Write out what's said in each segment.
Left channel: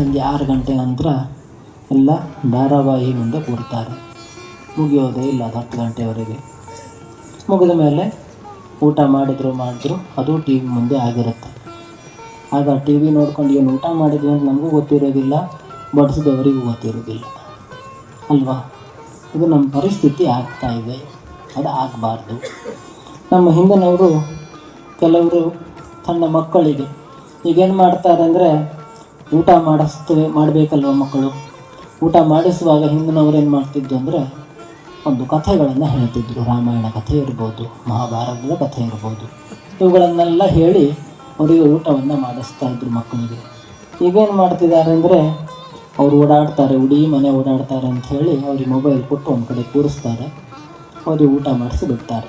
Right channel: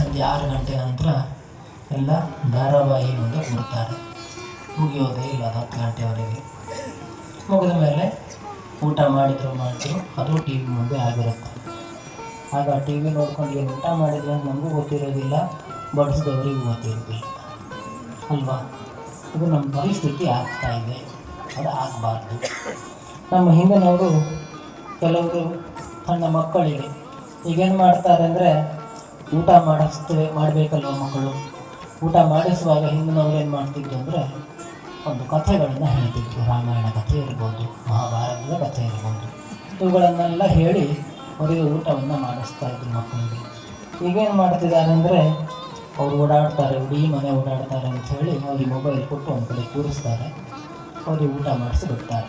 ಸಂಜೆ 6 ಗಂಟೆ ನಂತರ ಎಲ್ಲ ಧಾರಾವಾಹಿ ಮುಂದೆ ಕೂರ್ತಾರೆ. ಮುಗಿಯೋದೇ ಇಲ್ಲ 10 ಗಂಟೆವರೆಗೆ. ಮುಗಿದ ಮೇಲೆ ಊಟ ಮಾಡಿದ್ರು ಅದು ಟಿ ವಿ ಮುಂದೆ ಆಗಿರುತ್ತೆ. ಆಗ ಟಿ ವಿ ನೋಡ್ಕೊಂಡು ಏನು ಊಟ ಮಾಡಿದ್ವಿ ಅಂತ ನಮಗೂ ಗೊತ್ತಿರೋದಿಲ್ಲ, ಬಡಿಸಿದವರಿಗೂ ಗೊತ್ತಿರೋದಿಲ್ಲ ಅಲ್ವಾ. ಇದು ನಮ್ಮ ಪರಿಸ್ಥಿತಿ ಆಗ್ತಾ ಇದೆ. ಅದು ಆಗಬಾರ್ದು. ನಮ್ಮ ಹಿಂದಿನವರು ಕೆಲವರು ಸಣ್ಣ ಮಕ್ಕಳಿಗೆ ಈಗೇನು ಮಾಡ್ತಾರೆ ಅಂದರೆ, ಊಟ ಮಾಡಬೇಕಲ್ವ ಮಕ್ಕಳು, ಊಟ ಮಾಡಿಸುವಾಗ ಹಿಂದಿನವ್ರು ಏನು ಮಾಡ್ತಿದ್ರು ಅಂದರೆ ಒಂದು ಕಥೆಗಳನ್ನು ಹೇಳ್ತಿದ್ರು. ರಾಮಾಯಣ ಕಥೆ ಇರ್ಬೋದು, ಮಹಾಭಾರತದ ಕಥೆ ಇರ್ಬೋದು, ಇವುಗಳನ್ನೆಲ್ಲ ಹೇಳಿ ಅವರಿಗೆ ಊಟವನ್ನು ಮಾಡಿಸ್ತಾ ಇದ್ರು ಮಕ್ಕಳಿಗೆ. ಈಗೇನು ಮಾಡ್ತಿದ್ದಾರೆ ಅಂದರೆ, ಅವರು ಓಡಾಡ್ತಾರೆ, ಇಡೀ ಮನೆ ಓಡಾಡ್ತಾರೆ ಅಂಥೇಳಿ ಅವ್ರಿಗೆ ಮೊಬೈಲ್ ಕೊಟ್ಟು ಒಂದು ಕಡೆ ಕೂರಿಸ್ತಾರೆ, ಅವ್ರಿಗೆ ಊಟ ಮಾಡಿಸಿ ಬಿಡ್ತಾರೆ.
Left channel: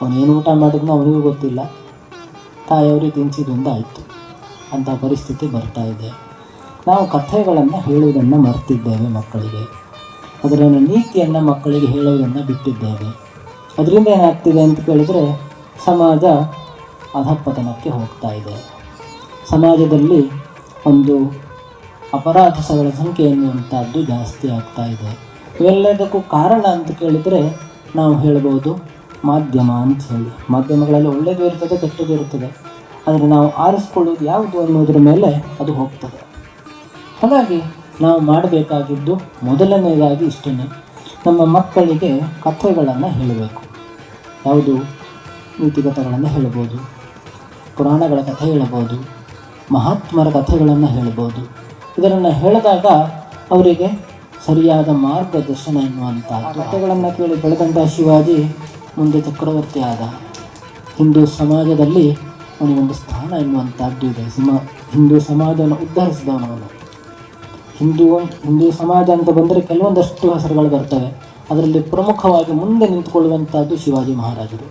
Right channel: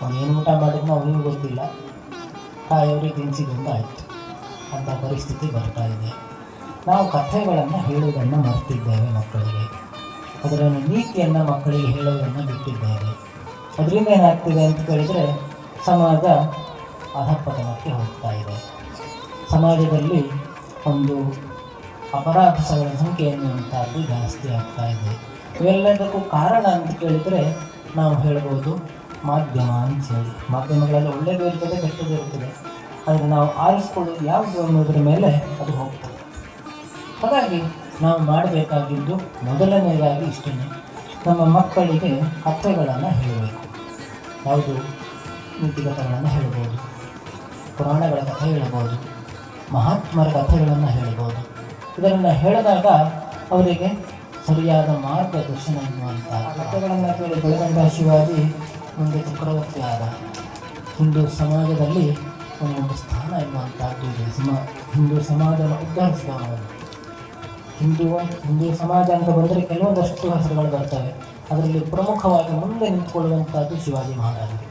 ಅವನೇನು ಊಟ ಮಾಡಿದ್ನೋ ಅವರಿಗೂ ಗೊತ್ತಿಲ್ಲ, ತಾಯಿಯವ್ರಿಗೆ ತಿನ್ನಿಸಿದ್ರಿಂದ ಆಯಿತು. ಅಂಥ ಪರಿಸ್ಥಿತಿ ಬರ್ತಾ ಇದೆ. ನಾವು ಕಥೆಗಳನ್ನು ಹೇಳುವುದನ್ನು ಮರ್ತಿದ್ದೇವೆ ಮಕ್ಕಳಿಗೆ. ಅದರ ನೀತಿಯನ್ನು ಮಕ್ಕಳಿಗೆ ಹೇಳೋದನ್ನು ಬಿಟ್ಟಿದ್ದೇವೆ. ಅದರಿಂದ ಏನಾಗ್ತಿದೆ ಅಂತ ಕೇಳಿದರೆ, ಸಮಾಜ ಅಧಃಪತನಕ್ಕೆ ಹೋಗ್ತಾ ಇದೆ. ಸಮಾಜದಲ್ಲಿ ಒಂದು ಅಪರಾಧಗಳ ಸಂಖ್ಯೆ ಎನ್ನುವಂಥದ್ದು ಜಾಸ್ತಿ ಆಗ್ತಾ ಇದೆ. ಇವೆಲ್ಲದಕ್ಕೂ ಕಾರಣ ಅಂತ ಕೇಳಿದರೆ ನಾವು ಹೇಳ್ಬೋದು ಮಾಧ್ಯಮ ಅಂತ ಹೇಳಿ. ಮಾಧ್ಯಮಗಳಲ್ಲಿ ಒಳ್ಳೆಯದು ಇರ್ತದೆ, ಕೆಟ್ಟದ್ದು ಇರ್ತದೆ. ಆದರೆ ನಾವು ಆರಿಸ್ಕೊಳ್ಳೋದು ಯಾವುದು ಅನ್ನೋದ್ರ ಮೇಲೆ ಅದು ಹೋಗ್ತದೆ. ಹಾಗಾಗಿ ನಾವು ಮಾಡಬೇಕಾಗಿದ್ದು ಮೊದಲನೆಯದಾಗಿ ಇಷ್ಟೇ, ನಮ್ಮ ಮಕ್ಕಳಿಗೆ ಕಥೆಗಳನ್ನು ಹೇಳಬೇಕು. ಯಾವುದು ನೀತಿಕಥೆಗಳನ್ನು ಹೇಳ್ಬೋದು, ಪುರಾಣಗಳ ಕಥೆ ಹೇಳ್ಬೋದು, ಮಹಾತ್ಮರ ಕಥೆಗಳನ್ನು ಹೇಳ್ಬೋದು. ಇದನ್ನು ಹೇಳಿದಾಗ ಅವರಿಗೆ ಸರಿಯಾದ ಮಾರ್ಗದರ್ಶನ ಎನ್ನುವಂಥ ಕಥೆಗಳನ್ನು ಕೇಳಿ ಬೆಳೆದಂಥ ಶಿವಾಜಿ ಮುಂದೆ ಚಕ್ರವರ್ತಿ ಆದ. ಹಿಂದೂ ಸಮಾಜದಲ್ಲಿ ಅವನಿಗೊಂದು ಸ್ಥಾನ ಎನ್ನುವಂಥದ್ದು ಇದೆ. ಹಿಂದೂ ಸಮಾಜವನ್ನು ಉದ್ಧರಿಸಿದವನು. ಹಿಂದೂ ಸಮಾಜ ಅಂತ ಬಂದರೆ ಕೆಲವೊಂದಷ್ಟು ಹೆಸರುಗಳು ಬರ್ತವೆ. ಅದರಲ್ಲಿ ಪ್ರಮುಖವಾಗಿ ಮುಂದೆ ನಿಂತುಕೊಳ್ಳುವಂಥದ್ದು ಶಿವಾಜಿ ಮಹಾರಾಜರು.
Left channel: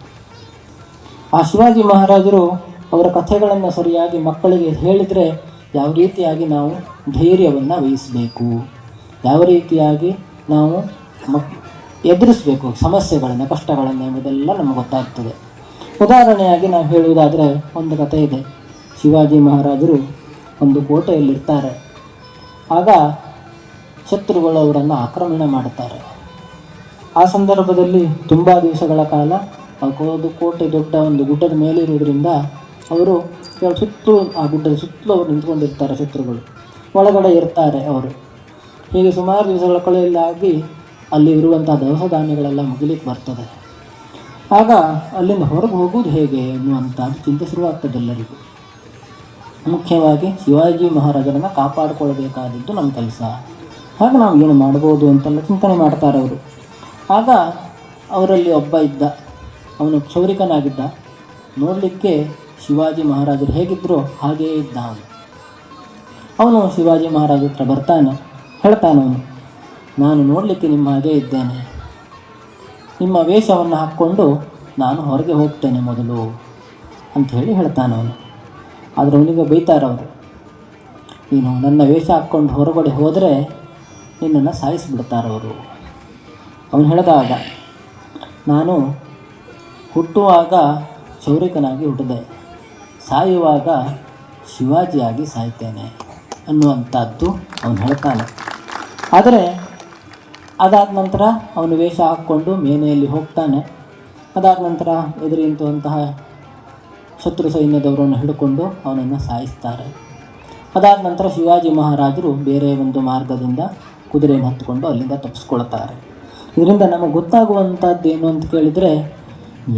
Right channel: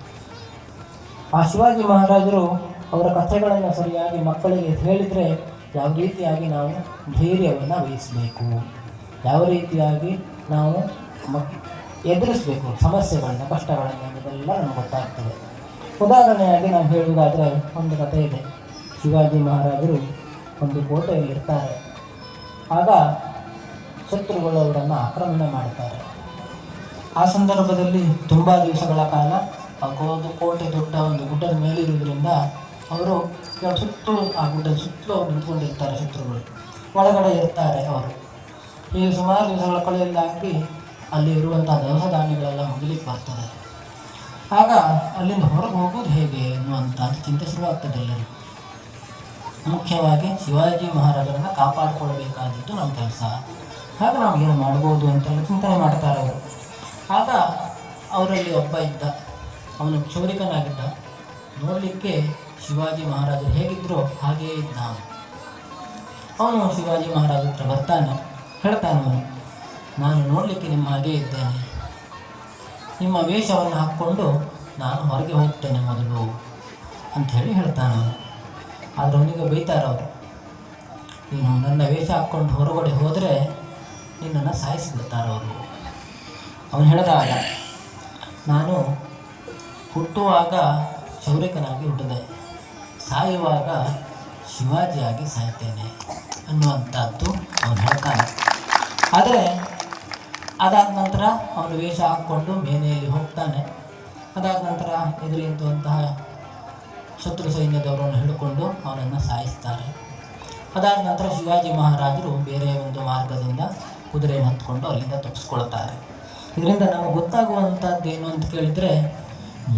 ಆ ಶಿವಾಜಿ ಮಹಾರಾಜರು ಅವರ ಕಥೆಗಳನ್ನು ಸರಿಯಾಗಿ ಮಕ್ಕಳಿಗೆ ಹೇಳಿದರೆ ಯಾವ ರೀತಿಯಾಗಿ ನಾವು ಧೈರ್ಯವನ್ನು ವಹಿಸಬೇಕು, ಯಾವ ರೀತಿಯಾಗಿ ನಾವು ಎದುರಿಸಬೇಕು ಸಮಸ್ಯೆಗಳನ್ನು, ಕಷ್ಟಗಳನ್ನು ಎಂಬುದೆಲ್ಲ ನಮ್ಗೆ ಗೊತ್ತಾಗ್ತದೆ. ಉದಾಹರಣೆಯಾಗಿ ನಾವು ಹೇಳುವುದಾದರೆ ಒಂದು ಕಥೆ ಇದೆ. ಶಿವಾಜಿ ಮಹಾರಾಜರು ಒಂದು ಕೋಟೆಯಲ್ಲಿರ್ತಾರೆ. ಆಗ ಶತ್ರುಗಳು ಅವರನ್ನು ಆಕ್ರಮಣ ಮಾಡುತ್ತಾರೆ. ಆ ಸಂದರ್ಭದಲ್ಲಿ ತುಂಬ ದಿವಸಗಳ ಕಾಲ ಕೋಟೆ ದೊಡ್ಡ ಒಂದು ಗುಡ್ಡದ ಮೇಲೆ ಇರೋದ್ರಿಂದ ಅವರು ಸುತ್ತಲೂ ಆ ಗುಡ್ಡದ ಸುತ್ತಲೂ ಅವರು ನಿಂತ್ಕೊಂಡಿರ್ತಾರೆ. ಶತ್ರುಗಳು ಒಳಗಡೆ ಇರ್ತಾರೆ. ಅವರು ಹೀಗೆ ಸುಮಾರು ದಿವಸಗಳ ಕಳೆಯಲ್ಲಾಗಿ ಅಲ್ಲಿ ಇರುವಂಥ ದವಸ ಧಾನ್ಯಗಳೆಲ್ಲ ಮುಗಿಲಿಕ್ಕೆ ಬರ್ತದೆ. ಆಗ ಅಲ್ಲಿಂದ ಹೊರಗೆ ಹೋಗೋದು ಹೇಗೆ ಅನ್ನುವಂಥದ್ದು ಚಿಂತೆ ಶುರುವಾಗ್ತದೆ ಎಲ್ಲರಿಗೂ. ಮುಖ್ಯವಾಗಿ ಶಿವಾಜಿ ಮಹಾರಾಜರನ್ನು ಕಾಪಾಡಿಕೊಳ್ಬೇಕಾದದ್ದು ನಮ್ಮ ಕೆಲಸ. ಹಾಗೆ ನಾವು ಏನು ಮಾಡ್ಬೋದು ಅಂತೆಲ್ಲ ಚಿಂತನೆ ಮಾಡ್ತಾರೆ ಅವರು. ಆಗ ಅವರಲ್ಲಿ ಒಬ್ಬ ಇದ್ದ, ಅವನು ಕ್ಷೌರಿಕನಾಗಿದ್ದ. ನೋಡಲಿಕ್ಕೆ ಶಿವಾಜಿ ಮಹಾರಾಜರು ಹೇಗಿದ್ದರೂ ಹಾಗೇ ಇದ್ದ. ಅವನು ಶಿವಾಜಿ ಮಹಾರಾಜ ಹತ್ರ ಬರ್ತಾನೆ, ಹೇಳ್ತಾನವನು, ನಾನು ನೋಡಲಿಕ್ಕೆ ನಿಮ್ಮ ಹಾಗೇ ಇದ್ದೇನೆ, ನಿಮ್ಮ ವೇಷವನ್ನು ಹಾಕ್ಕೊಂಡು ನಾನು ಹೊರಗೆ ಹೋಗ್ತೇನೆ ಮೊದಲು ಅಂಥೇಳಿ ಹೇಳ್ತಾನವನು. ಆದರೆ ಅವನಿಗೆ ಬೈತಾರವರು, ನೀನು ನನ್ನ ವೇಷ ಹಾಕ್ಕೊಂಡು ಹೊರಗಡೆ ಹೋದರೆ ನಿನ್ನನ್ನು ಸಾಯಿಸಿಬಿಡ್ತಾರವರು. ಅವನು ಹೇಳಿದಾಗ, ನಾನು ಹುಟ್ಟುವಾಗ ಕ್ಷೌರಿಕನಾಗಿ ಹುಟ್ಟಿದೆ, ಸಾಯುವಾಗ ಶಿವಾಜಿಯಾಗಿ ಸಾಯ್ತೇನೆ ಅನ್ನುವಂಥದ್ದು ಅವನು ಹೇಳ್ತಾನೆ. ಆದರೆ ಅದಾದ ನಂತರ ಅವನು ವೇಷ ಹಾಕ್ಕೊಂಡು ಮೇನೆಯಲ್ಲಿ ಹೋಗ್ತಾನೆ. ಅದಾದ ನಂತರ ಎದುರಿಂತಹ ಶತ್ರು ಸೈನ್ಯದವರನ್ನು ಹಿಡ್ಕೊಂಡು ಅವನನ್ನು ಸಾಯಿಸ್ತಾರೆ. ಅದಾದ ನಂತರ ಶಿವಾಜಿ ಮಹಾರಾಜರು ಬೇರೆ ಒಂದು ಮಾರ್ಗದಿಂದ ಕುದುರೆಯನ್ನು ಹತ್ಕೊಂಡು ಅಲ್ಲಿಂದ ತಪ್ಪಿಸ್ಕೊಳ್ತಾರೆ. ಇದರಿಂದ ನಮಗೆ ಗೊತ್ತಾಗುವಂಥದ್ದು ಏನು ಅಂತ ಕೇಳಿದರೆ,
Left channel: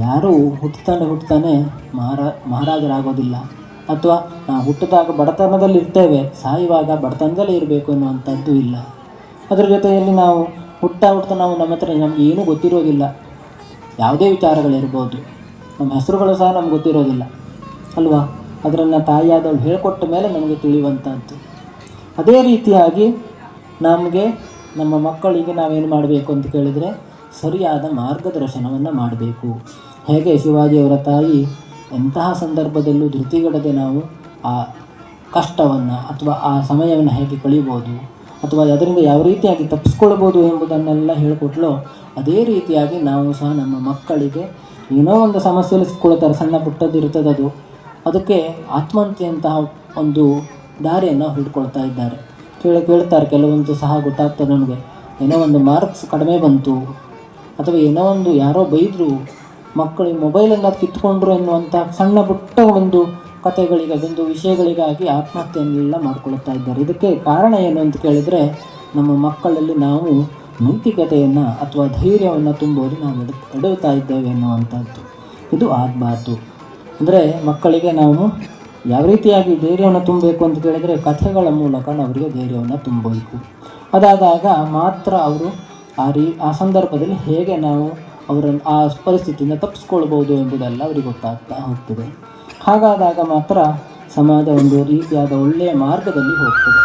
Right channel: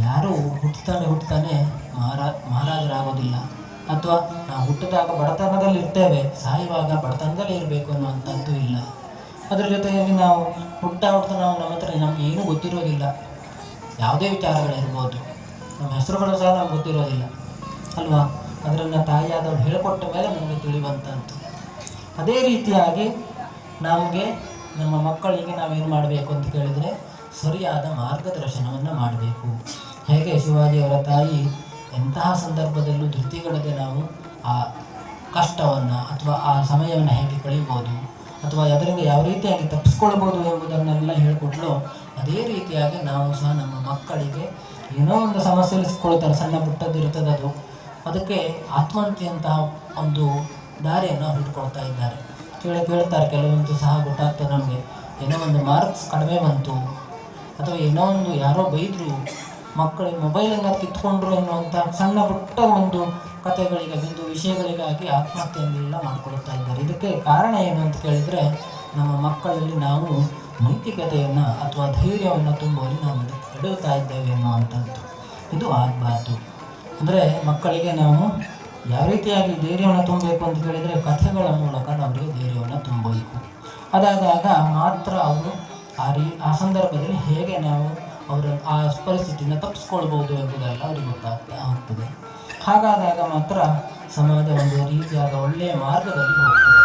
ಯಾರೂ ಹುಟ್ಟುತ್ತಾನೆ ಮಹಾರಾಜರಾಗೋದಿಲ್ಲ, ಅಥವಾ ನಾವು ಹುಟ್ಟಿದಾಗ ಬಡತನದಲ್ಲಿ ಇರ್ತೇವೆ, ಸಾಯುವಾಗ ಬಡತನದಲ್ಲೇ ಇರಬೇಕು ಅನ್ನುವಂಥದ್ದು ಇಲ್ಲ. ಅದರ ಜೊತೆಯಲ್ಲಿ ನಾವು ಹುಟ್ಟ ನಾವು ನಮ್ಮ ಹತ್ರ ನಮ್ಗೆ ಏನೂ ಗೊತ್ತಿರೋದಿಲ್ಲ. ಯಾವುದೇ ವಿಚಾರಗಳಿರ್ಬೋದು, ನಮ್ಮ ಹೆಸರುಗಳು ಸಹ ನಮ್ಗೆ ಗೊತ್ತಿರೋದಿಲ್ಲ ಅಲ್ವಾ. ಅದನ್ನು ತಾಯಿಯಾದವ್ರು ಹೇಳಿಕೊಟ್ಟ ಮೇಲೆ ನಮಗೆ ತಿಳಿಯುವಂಥದ್ದು. ಅದೇ ರೀತಿಯಾಗಿ ನಮಗೆ ನಮ್ಮ ಮಕ್ಕಳಿಗೆ ನಾವೇನು ಮಾಡಬೇಕು ಅಂತ ಕೇಳಿದರೆ, ಸರಿಯಾದ ಮಾರ್ಗದರ್ಶನವನ್ನು ಮಾಡಬೇಕು. ಹೇಗೆ ಶಿವಾಜಿಯವರ ತಾಯಿ ಎಂತಹ ಸಂದರ್ಭದಲ್ಲೂ ಧೃತಿಗೆಡದೆ ನಾವು ಆ ಕಷ್ಟವನ್ನು ಅಥವಾ ಆ ಸಮಯವನ್ನು ಹೇಗೆ ಕಳೀಬೋದು, ಅಥವಾ ಅದರಿಂದ ಯಾವ ರೀತಿಯಾಗಿ ತಪ್ಪಿಸ್ಕೊಳ್ಬೋದು ಎಂಬುದನ್ನೆಲ್ಲ ಹೇಳಿಕೊಟ್ಲೋ, ಅದೇ ರೀತಿಯಾಗಿ ನಾವು ಸಹ ನಮ್ಮ ಮಕ್ಕಳಿಗೆ ಏನೋ ಒಂದು ಸಮಸ್ಯೆಯಲ್ಲಿ ಸಿಕ್ಕೊಳ್ತಾರೆ, ಸಣ್ಣ ಪುಟ್ಟದ್ದು ಇರ್ತದೆ, ಅದಕ್ಕೆ ಆತ್ಮಹತ್ಯೆಯಂತಹ ಒಂದು ದಾರಿಯನ್ನು ಹುಡ್ಕೊಳ್ತಾ ಇದ್ದಾರೆ. ಕೇಳ್ತಾರೆ, ಕೆಲವೊಂದು ಸಹ ಗೊತ್ತಾಗ್ತದೆ ನಮಗೆ, ಏನೋ ಒಂದು ಮಾರ್ಕ್ಸ್ ಕಡಿಮೆ ಬಂತು ಅಥವಾ ಏನೋ ಒಂದು ಯಾರೋ ಬೈದರು, ಮಕ್ಕಳಿಗೆ ಮೊಬೈಲನ್ನು ಕಿತ್ಕೊಂಡ್ರು ಎನ್ನುವಂಥ ಸಣ್ಣ ಪುಟ್ಟ ಒಂದು ಕಥೆಗಳಿಗೆ, ಒಂದು ವಿಷಯಗಳಿಗಾಗಿ ಆತ್ಮಹತ್ಯೆಯನ್ನೆಲ್ಲ ಮಾಡ್ಕೊಳ್ತಾ ಇದ್ದಾರೆ. ಇದಕ್ಕೆ ಕಾರಣ ಏನು ಅಂತ ಕೇಳಿದರೆ, ನಮ್ಮ ಮಕ್ಕಳಲ್ಲಿ ನಾವು ನೈತಿಕತೆಯನ್ನು ಅಥವಾ ಧೈರ್ಯವನ್ನು ತುಂಬೋದು ನಾವು ಎಡುತ್ತಾ ಇದ್ದೇವೆ ಅನ್ನುವಂಥದ್ದು. ಇದು ಆಗಬಾರ್ದು. ಅಂದರೆ ಮಕ್ಕಳಿಗೆ ನಾವು ಯಾವ ರೀತಿಯಾಗಿ ಧೈರ್ಯವನ್ನು ತುಂಬಬೇಕು ಅಂತ ಕೇಳಿದರೆ, ಕಥೆಗಳ ಮೂಲಕ ಅವರಿಗೆ ಧೈರ್ಯವನ್ನು ತುಂಬಬೇಕು. ಅದಾದಾಗ ಮಾತ್ರ ಅವರು ಆ ಸಂದರ್ಭದಲ್ಲಿ ಹೇಗೆ ನಾವು ಅವರನ್ನು ಆ ಪರಿಸ್ಥಿತಿಯಿಂದ ತಪ್ಪಿಸ್ಕೊಳ್ಬೋದು ಎಂಬುದೆಲ್ಲ ಅವರಿಗೆ ಗೊತ್ತಾಗ್ತಾ ಹೋಗ್ತದೆ. ಹಾಗಾದಾಗ ಮಾತ್ರ ಸಮಾಜ ಒಂದು ರೀತಿಯಾದ ಒಳ್ಳೆಯ ಮಾರ್ಗದಲ್ಲಿ ಹೋಗ್ತದೆ.